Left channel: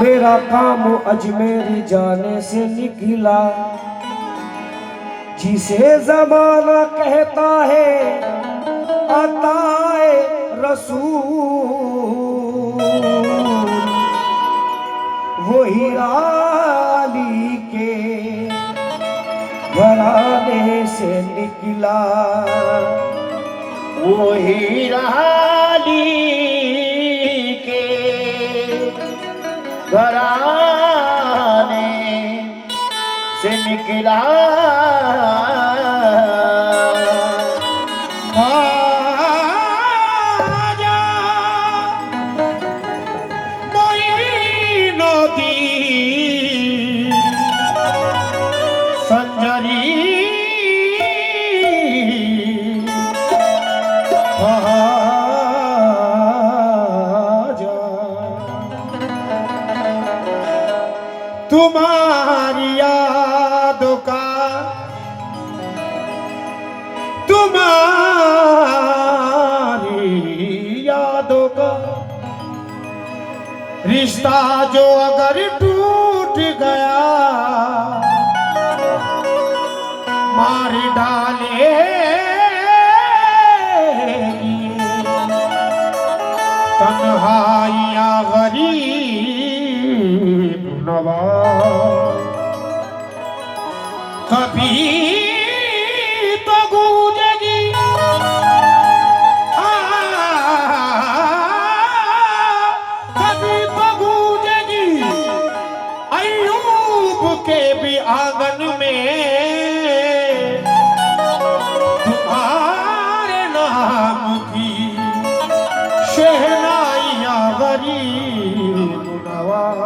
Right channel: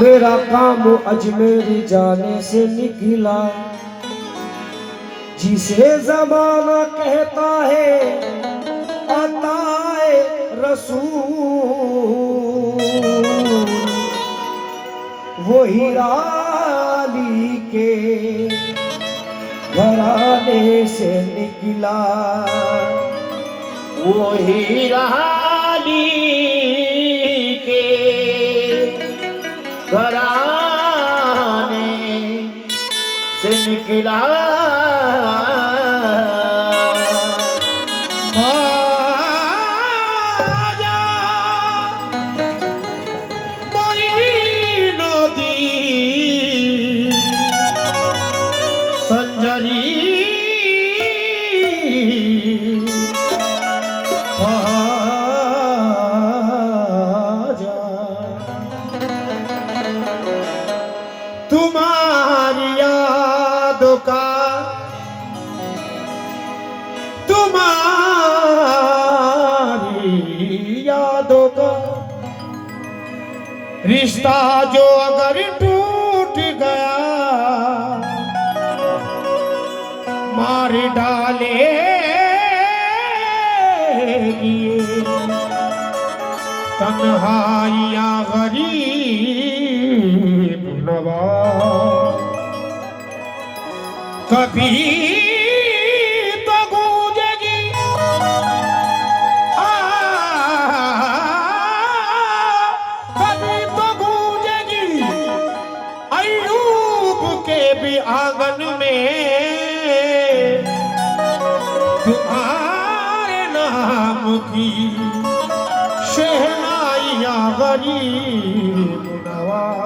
मेरा काम अजमेर जाने से निकला, जिसे जमाना कहता है अताए रसूल, वही आली के घराने से निकला, वही आली के घराने से निकला। तुम्हारी यादों का, तुम्हारी यादों का रिश्ता जो अगर टूट गया, मार डालेगी तन्हाइयाँ गरीब नवाज। कभी तो गूंजेगी कभी तो गूंजेगी अय्यूब के भी आंगन में तुम्हारे नाम की शहनाइयाँ गरीब नवाज।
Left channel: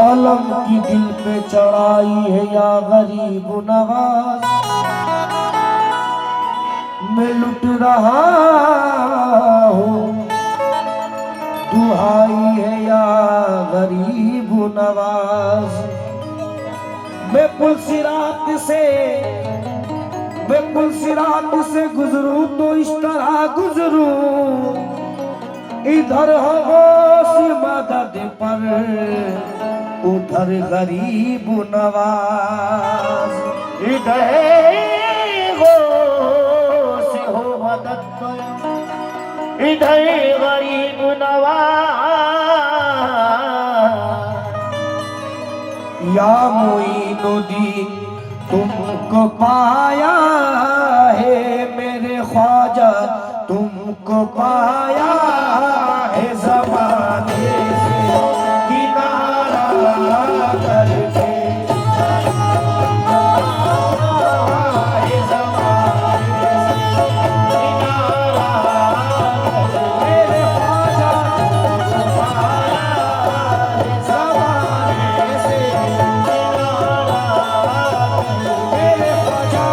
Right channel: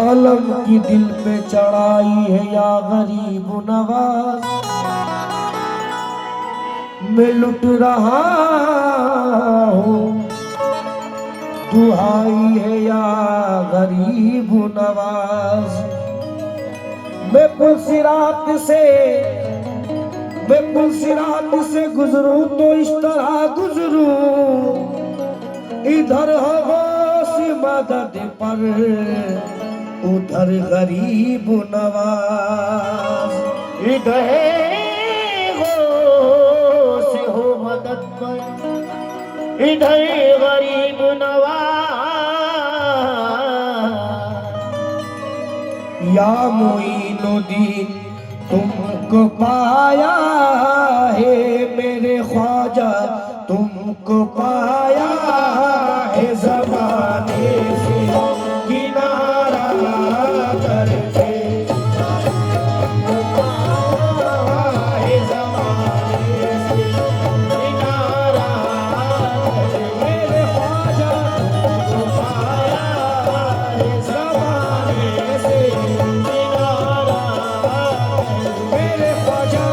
अलम की दिल पे चढ़ाई है या गरीब नवाज, मैं लुट रहा हूँ दुहाई है या गरीब नवाज। मैं पुलसिरात से गुजरूं तो इस तरह गुजरूं, इधर हो गौस मदद पर उधर गरीब नवाज। इधर गौस हो मदद पर इधर गरीब नवाज। या मोइनुद्दीन तुमको पाया है मेरे ख्वाजा, तुमको पाया है ज़माने से किनारा करके, है ज़माने से किनारा मेरे ख्वाजा, तुमको पाया है ज़माने से किनारा, मेरे ख्वाजा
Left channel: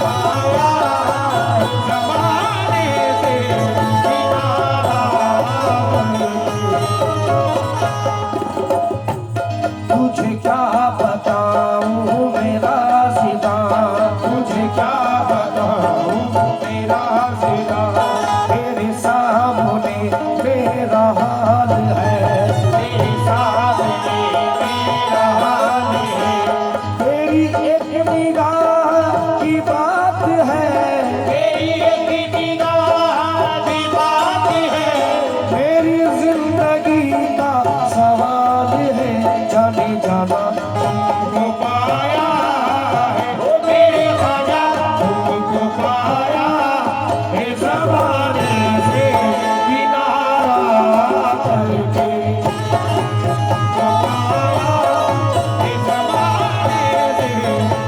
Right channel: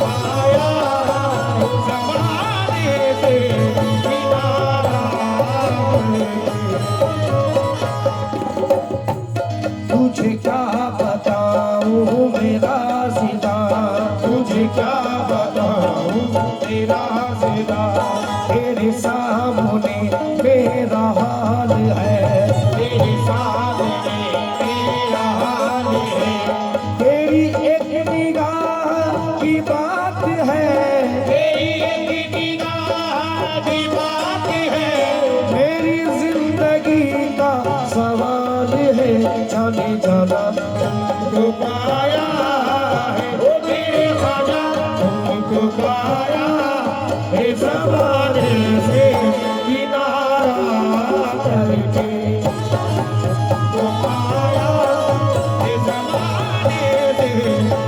पाया ज़माने से किनारा। तुझे क्या बताऊं मेरा ज़िदा, तुझे क्या बताऊं मेरा ज़िदा, तेरे सामने मेरा हाल है, तेरे सामने मेरा हाल है। तेरी एक निगाह की बात है, तेरी एक निगाह की बात है, मेरी जिंदगी का सवाल है। जाने जाना तुमको पाया है ओ मेरे ख्वाजा, तुमको पाया है ज़माने से किनारा करके, तुमको पाया है ज़माने से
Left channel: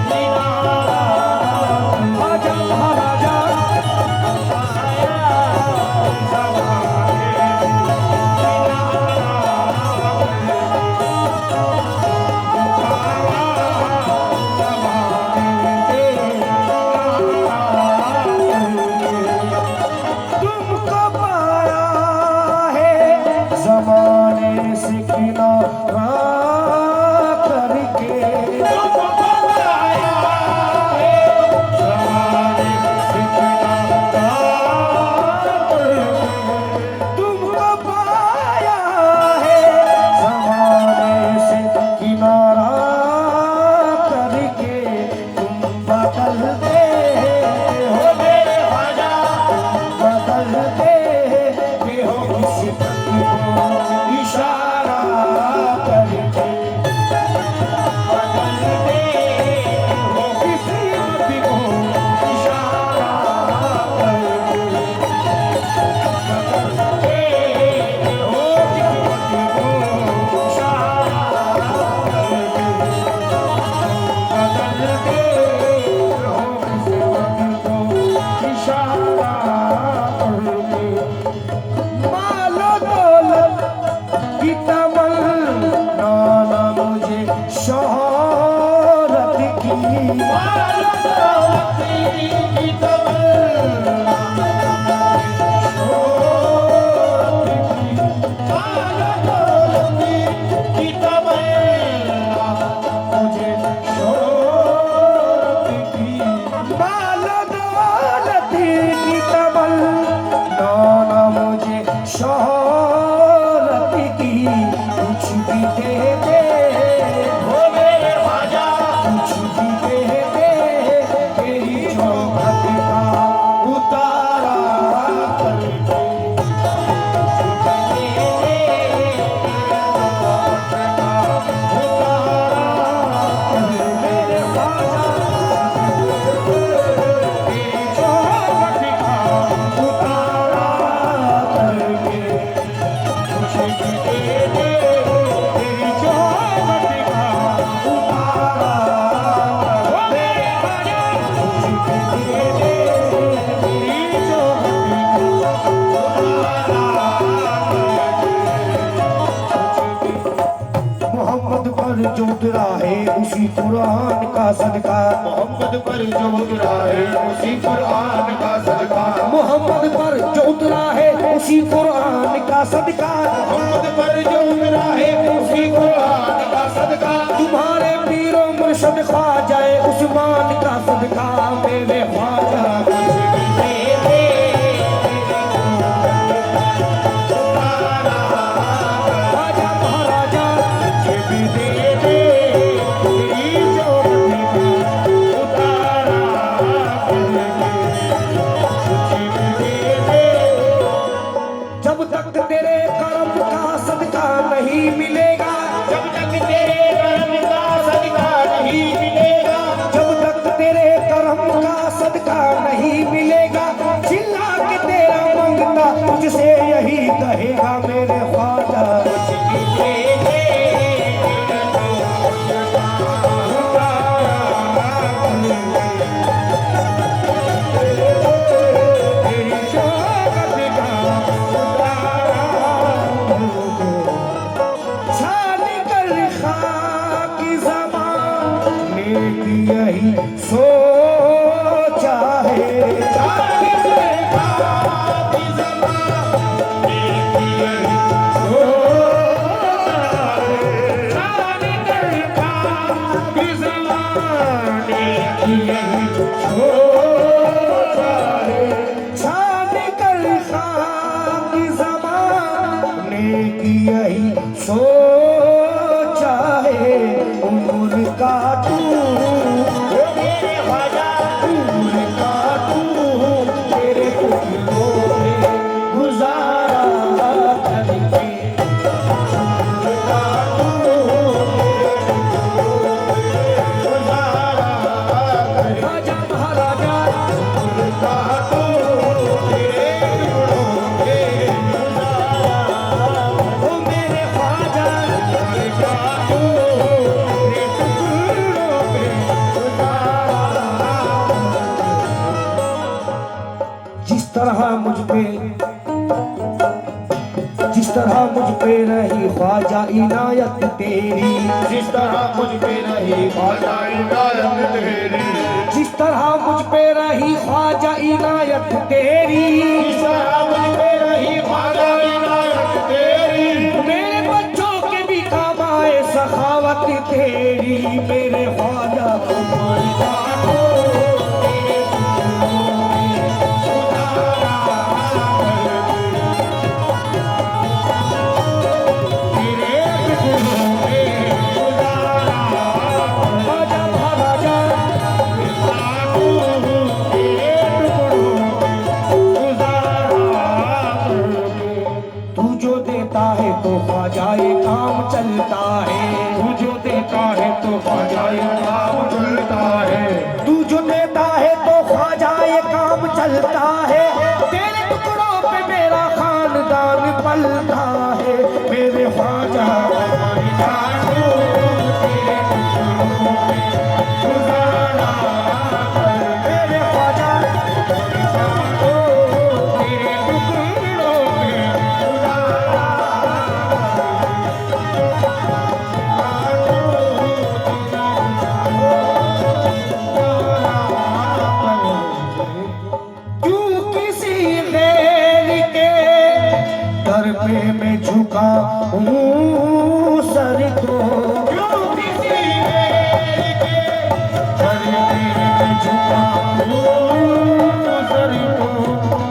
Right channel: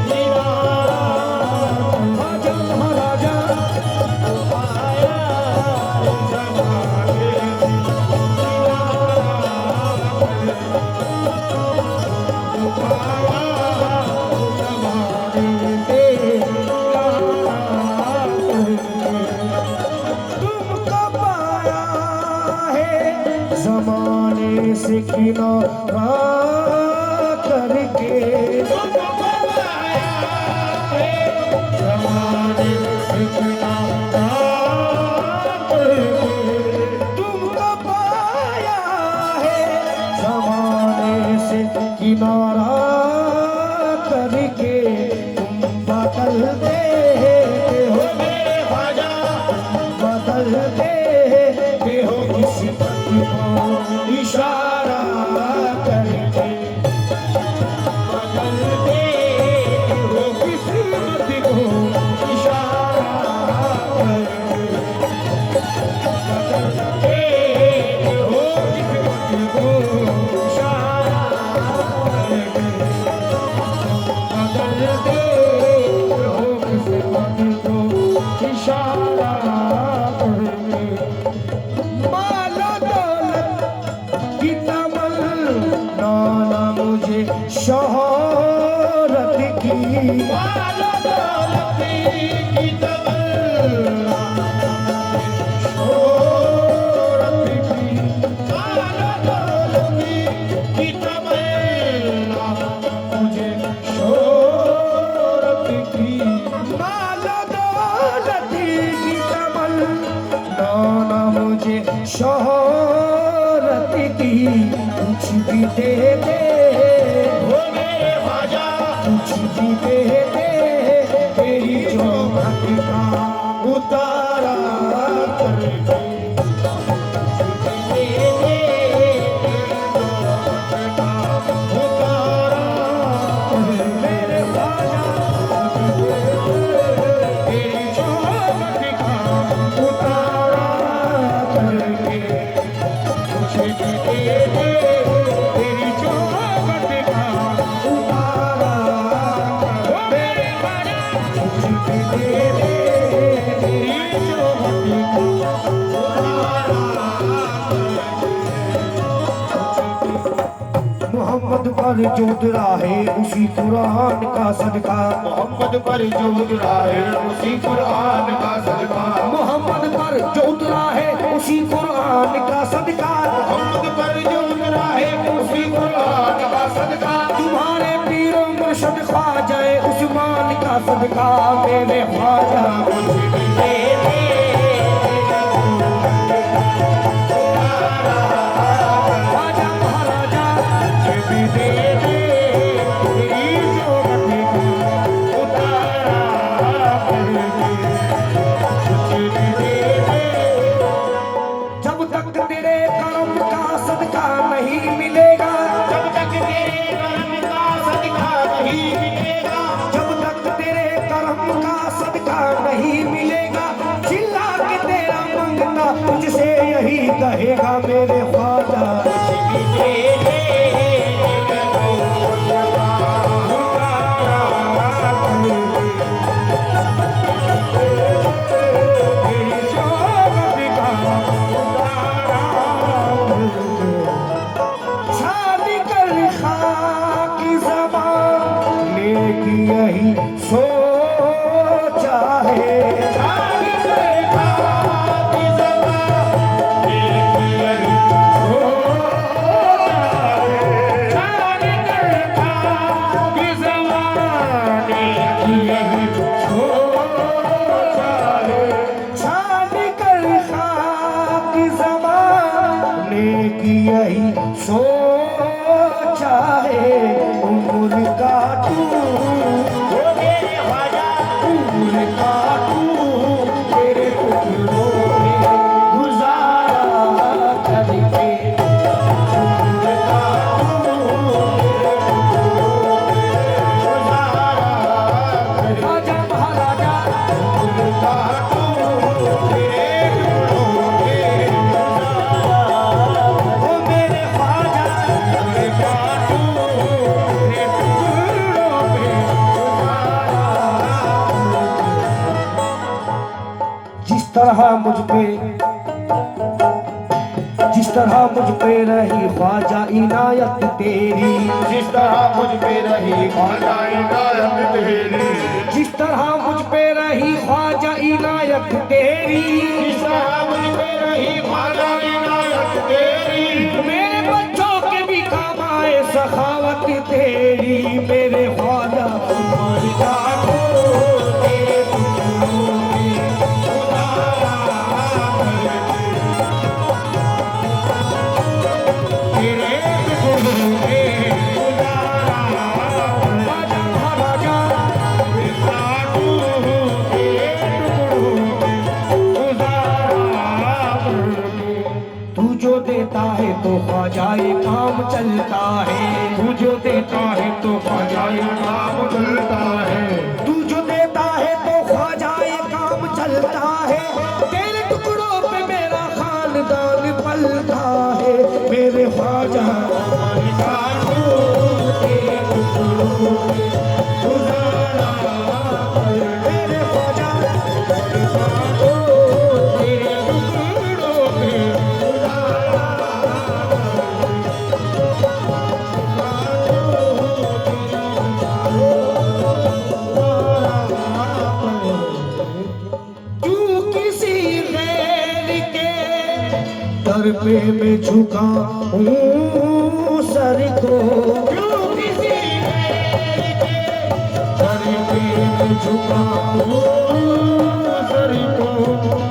किनारा। ख्वाजा महाराजा पाया है ज़माने से किनारा, ज़माने से किनारा करके, ज़माने से किनारा मोहम्मद पर जो उतरा है उसी कुरान का सदका, मोहम्मद पर जो उतरा है उसी कुरान का सदका, मोहम्मद पर जो उतरा है उसी कुरान का सदका, मोहम्मद पर जो उतरा है उसी कुरान का सदका, तुम्हारे पीरों मुर्शद ख्वाजाए उस्मान का सदका, मेरे ख्वाजा मुझे भी दे दे। ख्वाजा महाराजा मुझे भी दे दे, तेरी जोहत का उतारा करके मुझे भी दे दे। जब तक तेरे करम का सदका नहीं मिलेगा, जब तक तेरे कर्म का सदका नहीं मिलेगा, जब तक तेरे करम का सदका नहीं मिलेगा, चिल्ला के तेरा मंगता तुझसे यही कहेगा, मेरे ख्वाजा मुझे भी दे दे। तेरी शोभत का शादी कर खाकी ज़बान ने की यही सोचा है, शादी कर खाकी ज़बान ने की यही सोचा है, शादी कर खाकी ज़बान ने की यही सोचा है, शादी कर खाकी ज़बान ने की यही सोचा है, उम्र काटू ओ मेरे ख्वाजा, उम्र काटू तेरे टुकड़ों में गुजारा करके, उम्र काटू राजा महाराजा, उम्र काटू तेरे टुकड़ों में गुजारा, ओ मेरे ख्वाजा उम्र काटू तेरे टुकड़ों में गुजारा। जिस तरह मुझ पे रही ख्वाजा इनायत तेरी, जिस तरह मुझ पे रही ख्वाजा इनायत तेरी, जिस तरह मुझ पे रही ख्वाजा इनायत तेरी, जिस तरह मुझ पे रही ख्वाजा इनायत तेरी, मेरे बच्चों के भी काबाए सखावत तेरी, मेरे ख्वाजा तुम्हारे काटो तेरे टुकड़ों में गुजारा करके, तेरे टुकड़ों में गुजारा। राजा महाराजा काटो तेरे टुकड़ों में गुजारा करके, तू जो देता है तो ख्वाजाए काम चलता है, तू जो देता है तो ख्वाजाए काम चलता है, तू जो देता है तो ख्वाजाए काम चलता है, तेरे टुकड़ों पे मेरा खानदान पलता है, मेरे ख्वाजा काटो तेरे टुकड़ों में गुजारा कर, मेरे ख्वाजा काटो तेरे टुकड़ों में गुजारा क्यों किसी गैर के दर पे मैं झुका हूँ सर को, क्यों किसी गैर के दर पे मैं झुका हूँ सर को,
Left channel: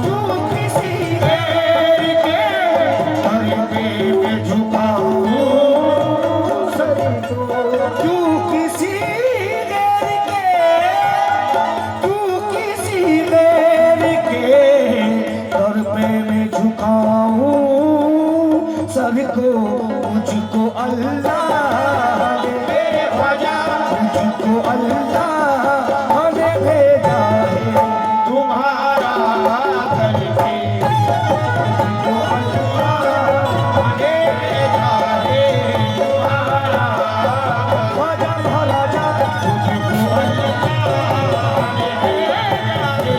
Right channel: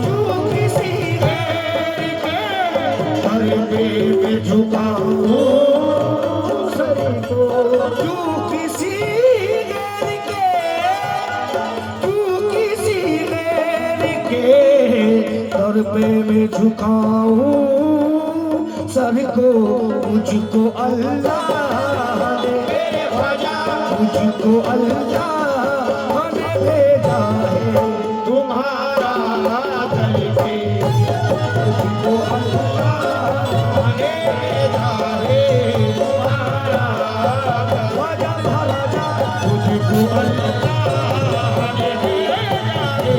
क्यों किसी गैर के दर पे मैं झुका हूँ सर को, क्यों किसी गैर के, क्यों किसी गैर के दर पे झुकाऊं सबको, मुझको अल्लाह ने, मेरे ख्वाजा मुझको अल्लाह ने भेजा है। तुम्हारा करके मुझको अल्लाह ने भेजा है। तुम्हारा ख्वाजा महाराजा मुझको अल्लाह ने भेजा है।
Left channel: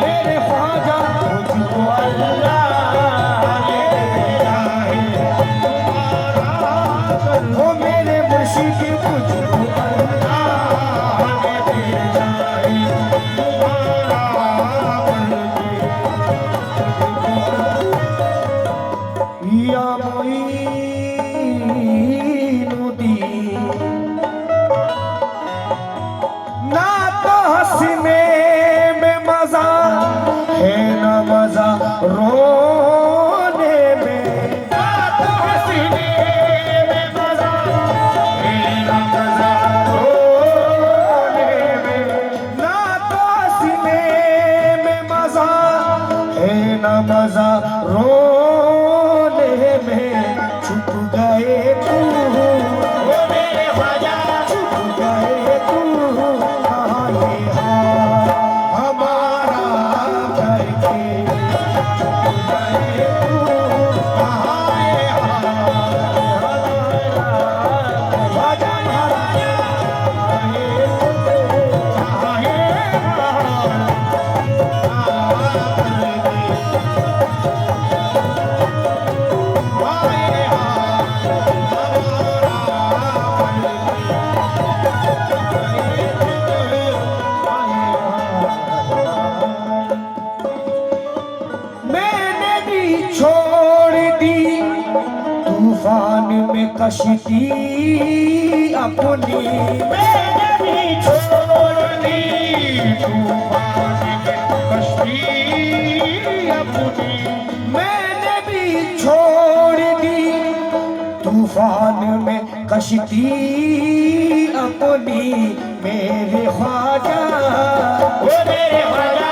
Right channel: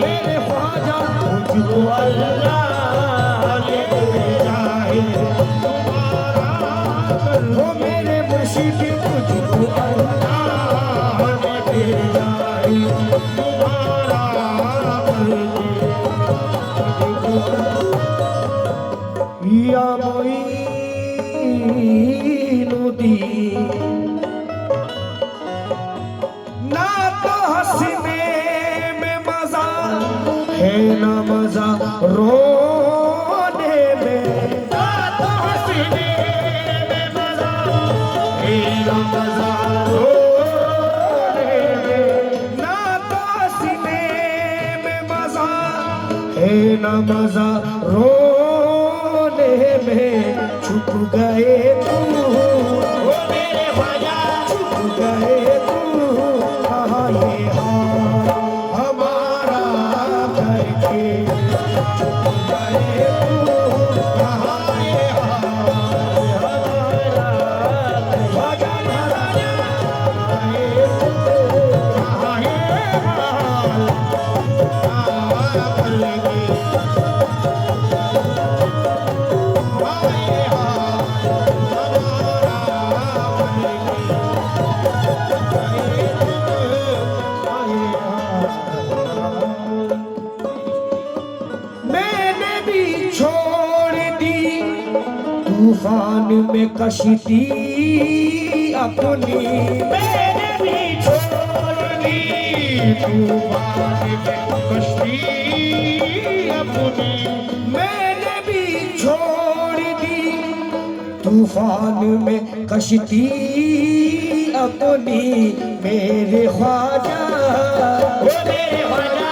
मेरे ख्वाजा मुझको अल्लाह ने भेजा है। वो मेरे मुर्शिद मुझको अल्लाह ने भेजा है। या मोइनुद्दीन, ना तो हंसने में मजा है ना मजा रोने में, ना तो हंसने में मजा है, ना मजा रोने में, ना तो हंसने में मजा है ना मजा रोने में। छुप गए तू, वो मेरे ख्वाजा छुप गए तू, कहाँ ये हाल हमारा करके, छुप गए तू, कहाँ ये हाल हमारा, ख्वाजा महाराजा, कहाँ ये तू, कहाँ ये हाल मैंने भी छोड़ दी तूफान में कश्ती अपनी, मैंने भी छोड़ दी तूफान में कश्ती अपनी। मैंने भी छोड़ दी तूफान में कश्ती अपनी। मेरे ख्वाजा, वो मेरे ख्वाजा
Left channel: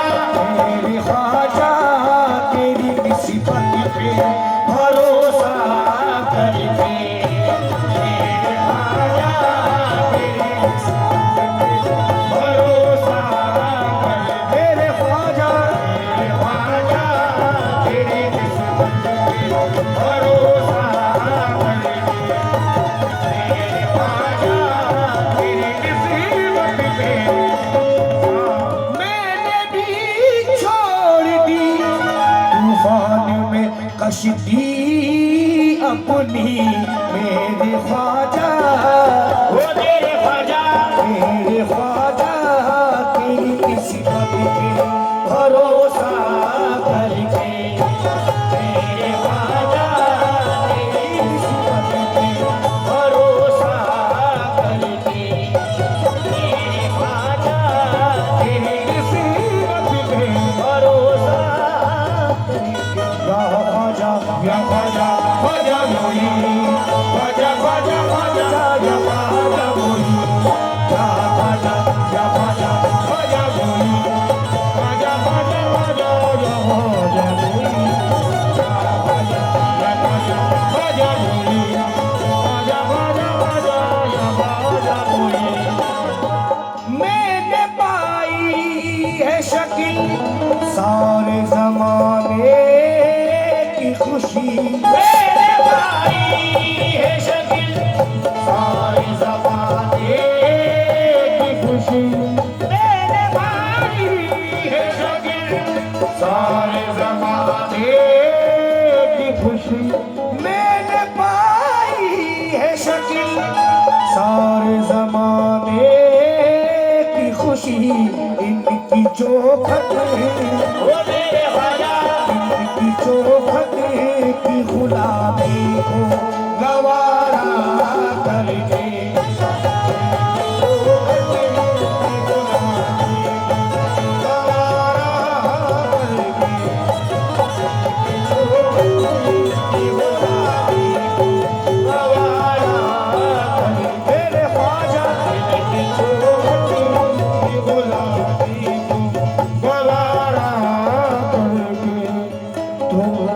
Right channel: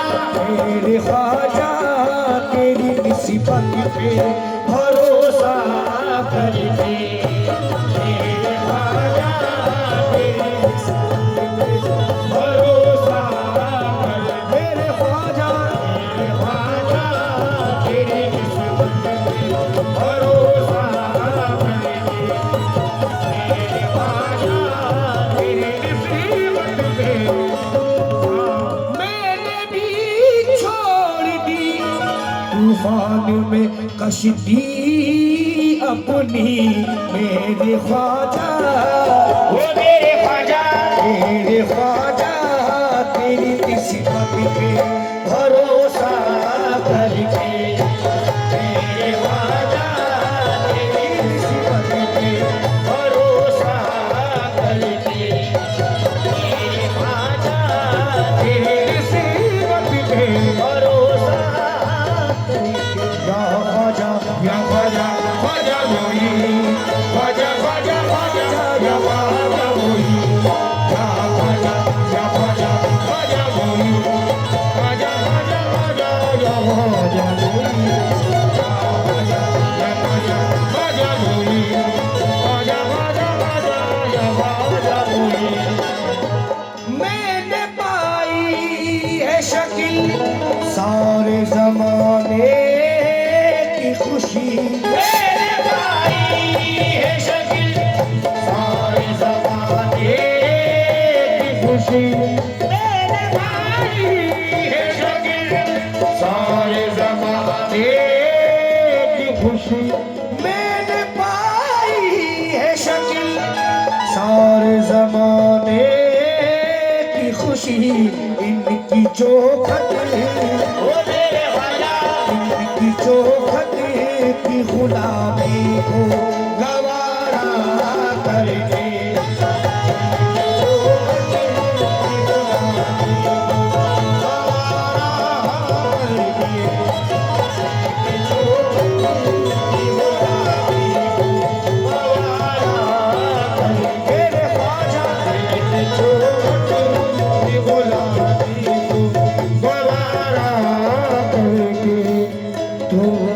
मेरे ख्वाजा, तेरी निस्बत पे भरोसा करके, मेरे ख्वाजा, तेरी निस्बत पे भरोसा करके, मेरे ख्वाजा, तेरी निस्बत पे भरोसा करके, मेरे ख्वाजा तेरी निस्बत पे। मैंने भी छोड़ दी तूफान में कश्ती अपनी। मेरे ख्वाजा, वो मेरे ख्वाजा मेरे ख्वाजा, तेरी निस्बत पे भरोसा करके, मेरे ख्वाजा, तेरी निस्बत पे भरोसा करके, मेरे ख्वाजा, तेरी निस्बत पे भरोसा करके। या ख्वाजा, या ख्वाजा, ख्वाजा मोई, ख्वाजा ख्वाजा ख्वाजा, या ख्वाजा मोई, या ख्वाजा, या ख्वाजा, ख्वाजा मोई, ख्वाजा ख्वाजा ख्वाजा, या ख्वाजा मोई, या ख्वाजा, या ख्वाजा, ख्वाजा मोई, ख्वाजा ख्वाजा ख्वाजा, या ख्वाजा मोई। मैंने पाई है शक्ल सारे जमाने की खुशी, मेरे भाई है शक्ल सारे जमाने की खुशी, मेरे भाई है शक्ल सारे जमाने की खुशी। मैंने पाई है शक्ल सारे जमाने की खुशी, इनकी चौखट, वो मेरे ख्वाजा इनकी चौखट की गुलामी को गवारा करके, हो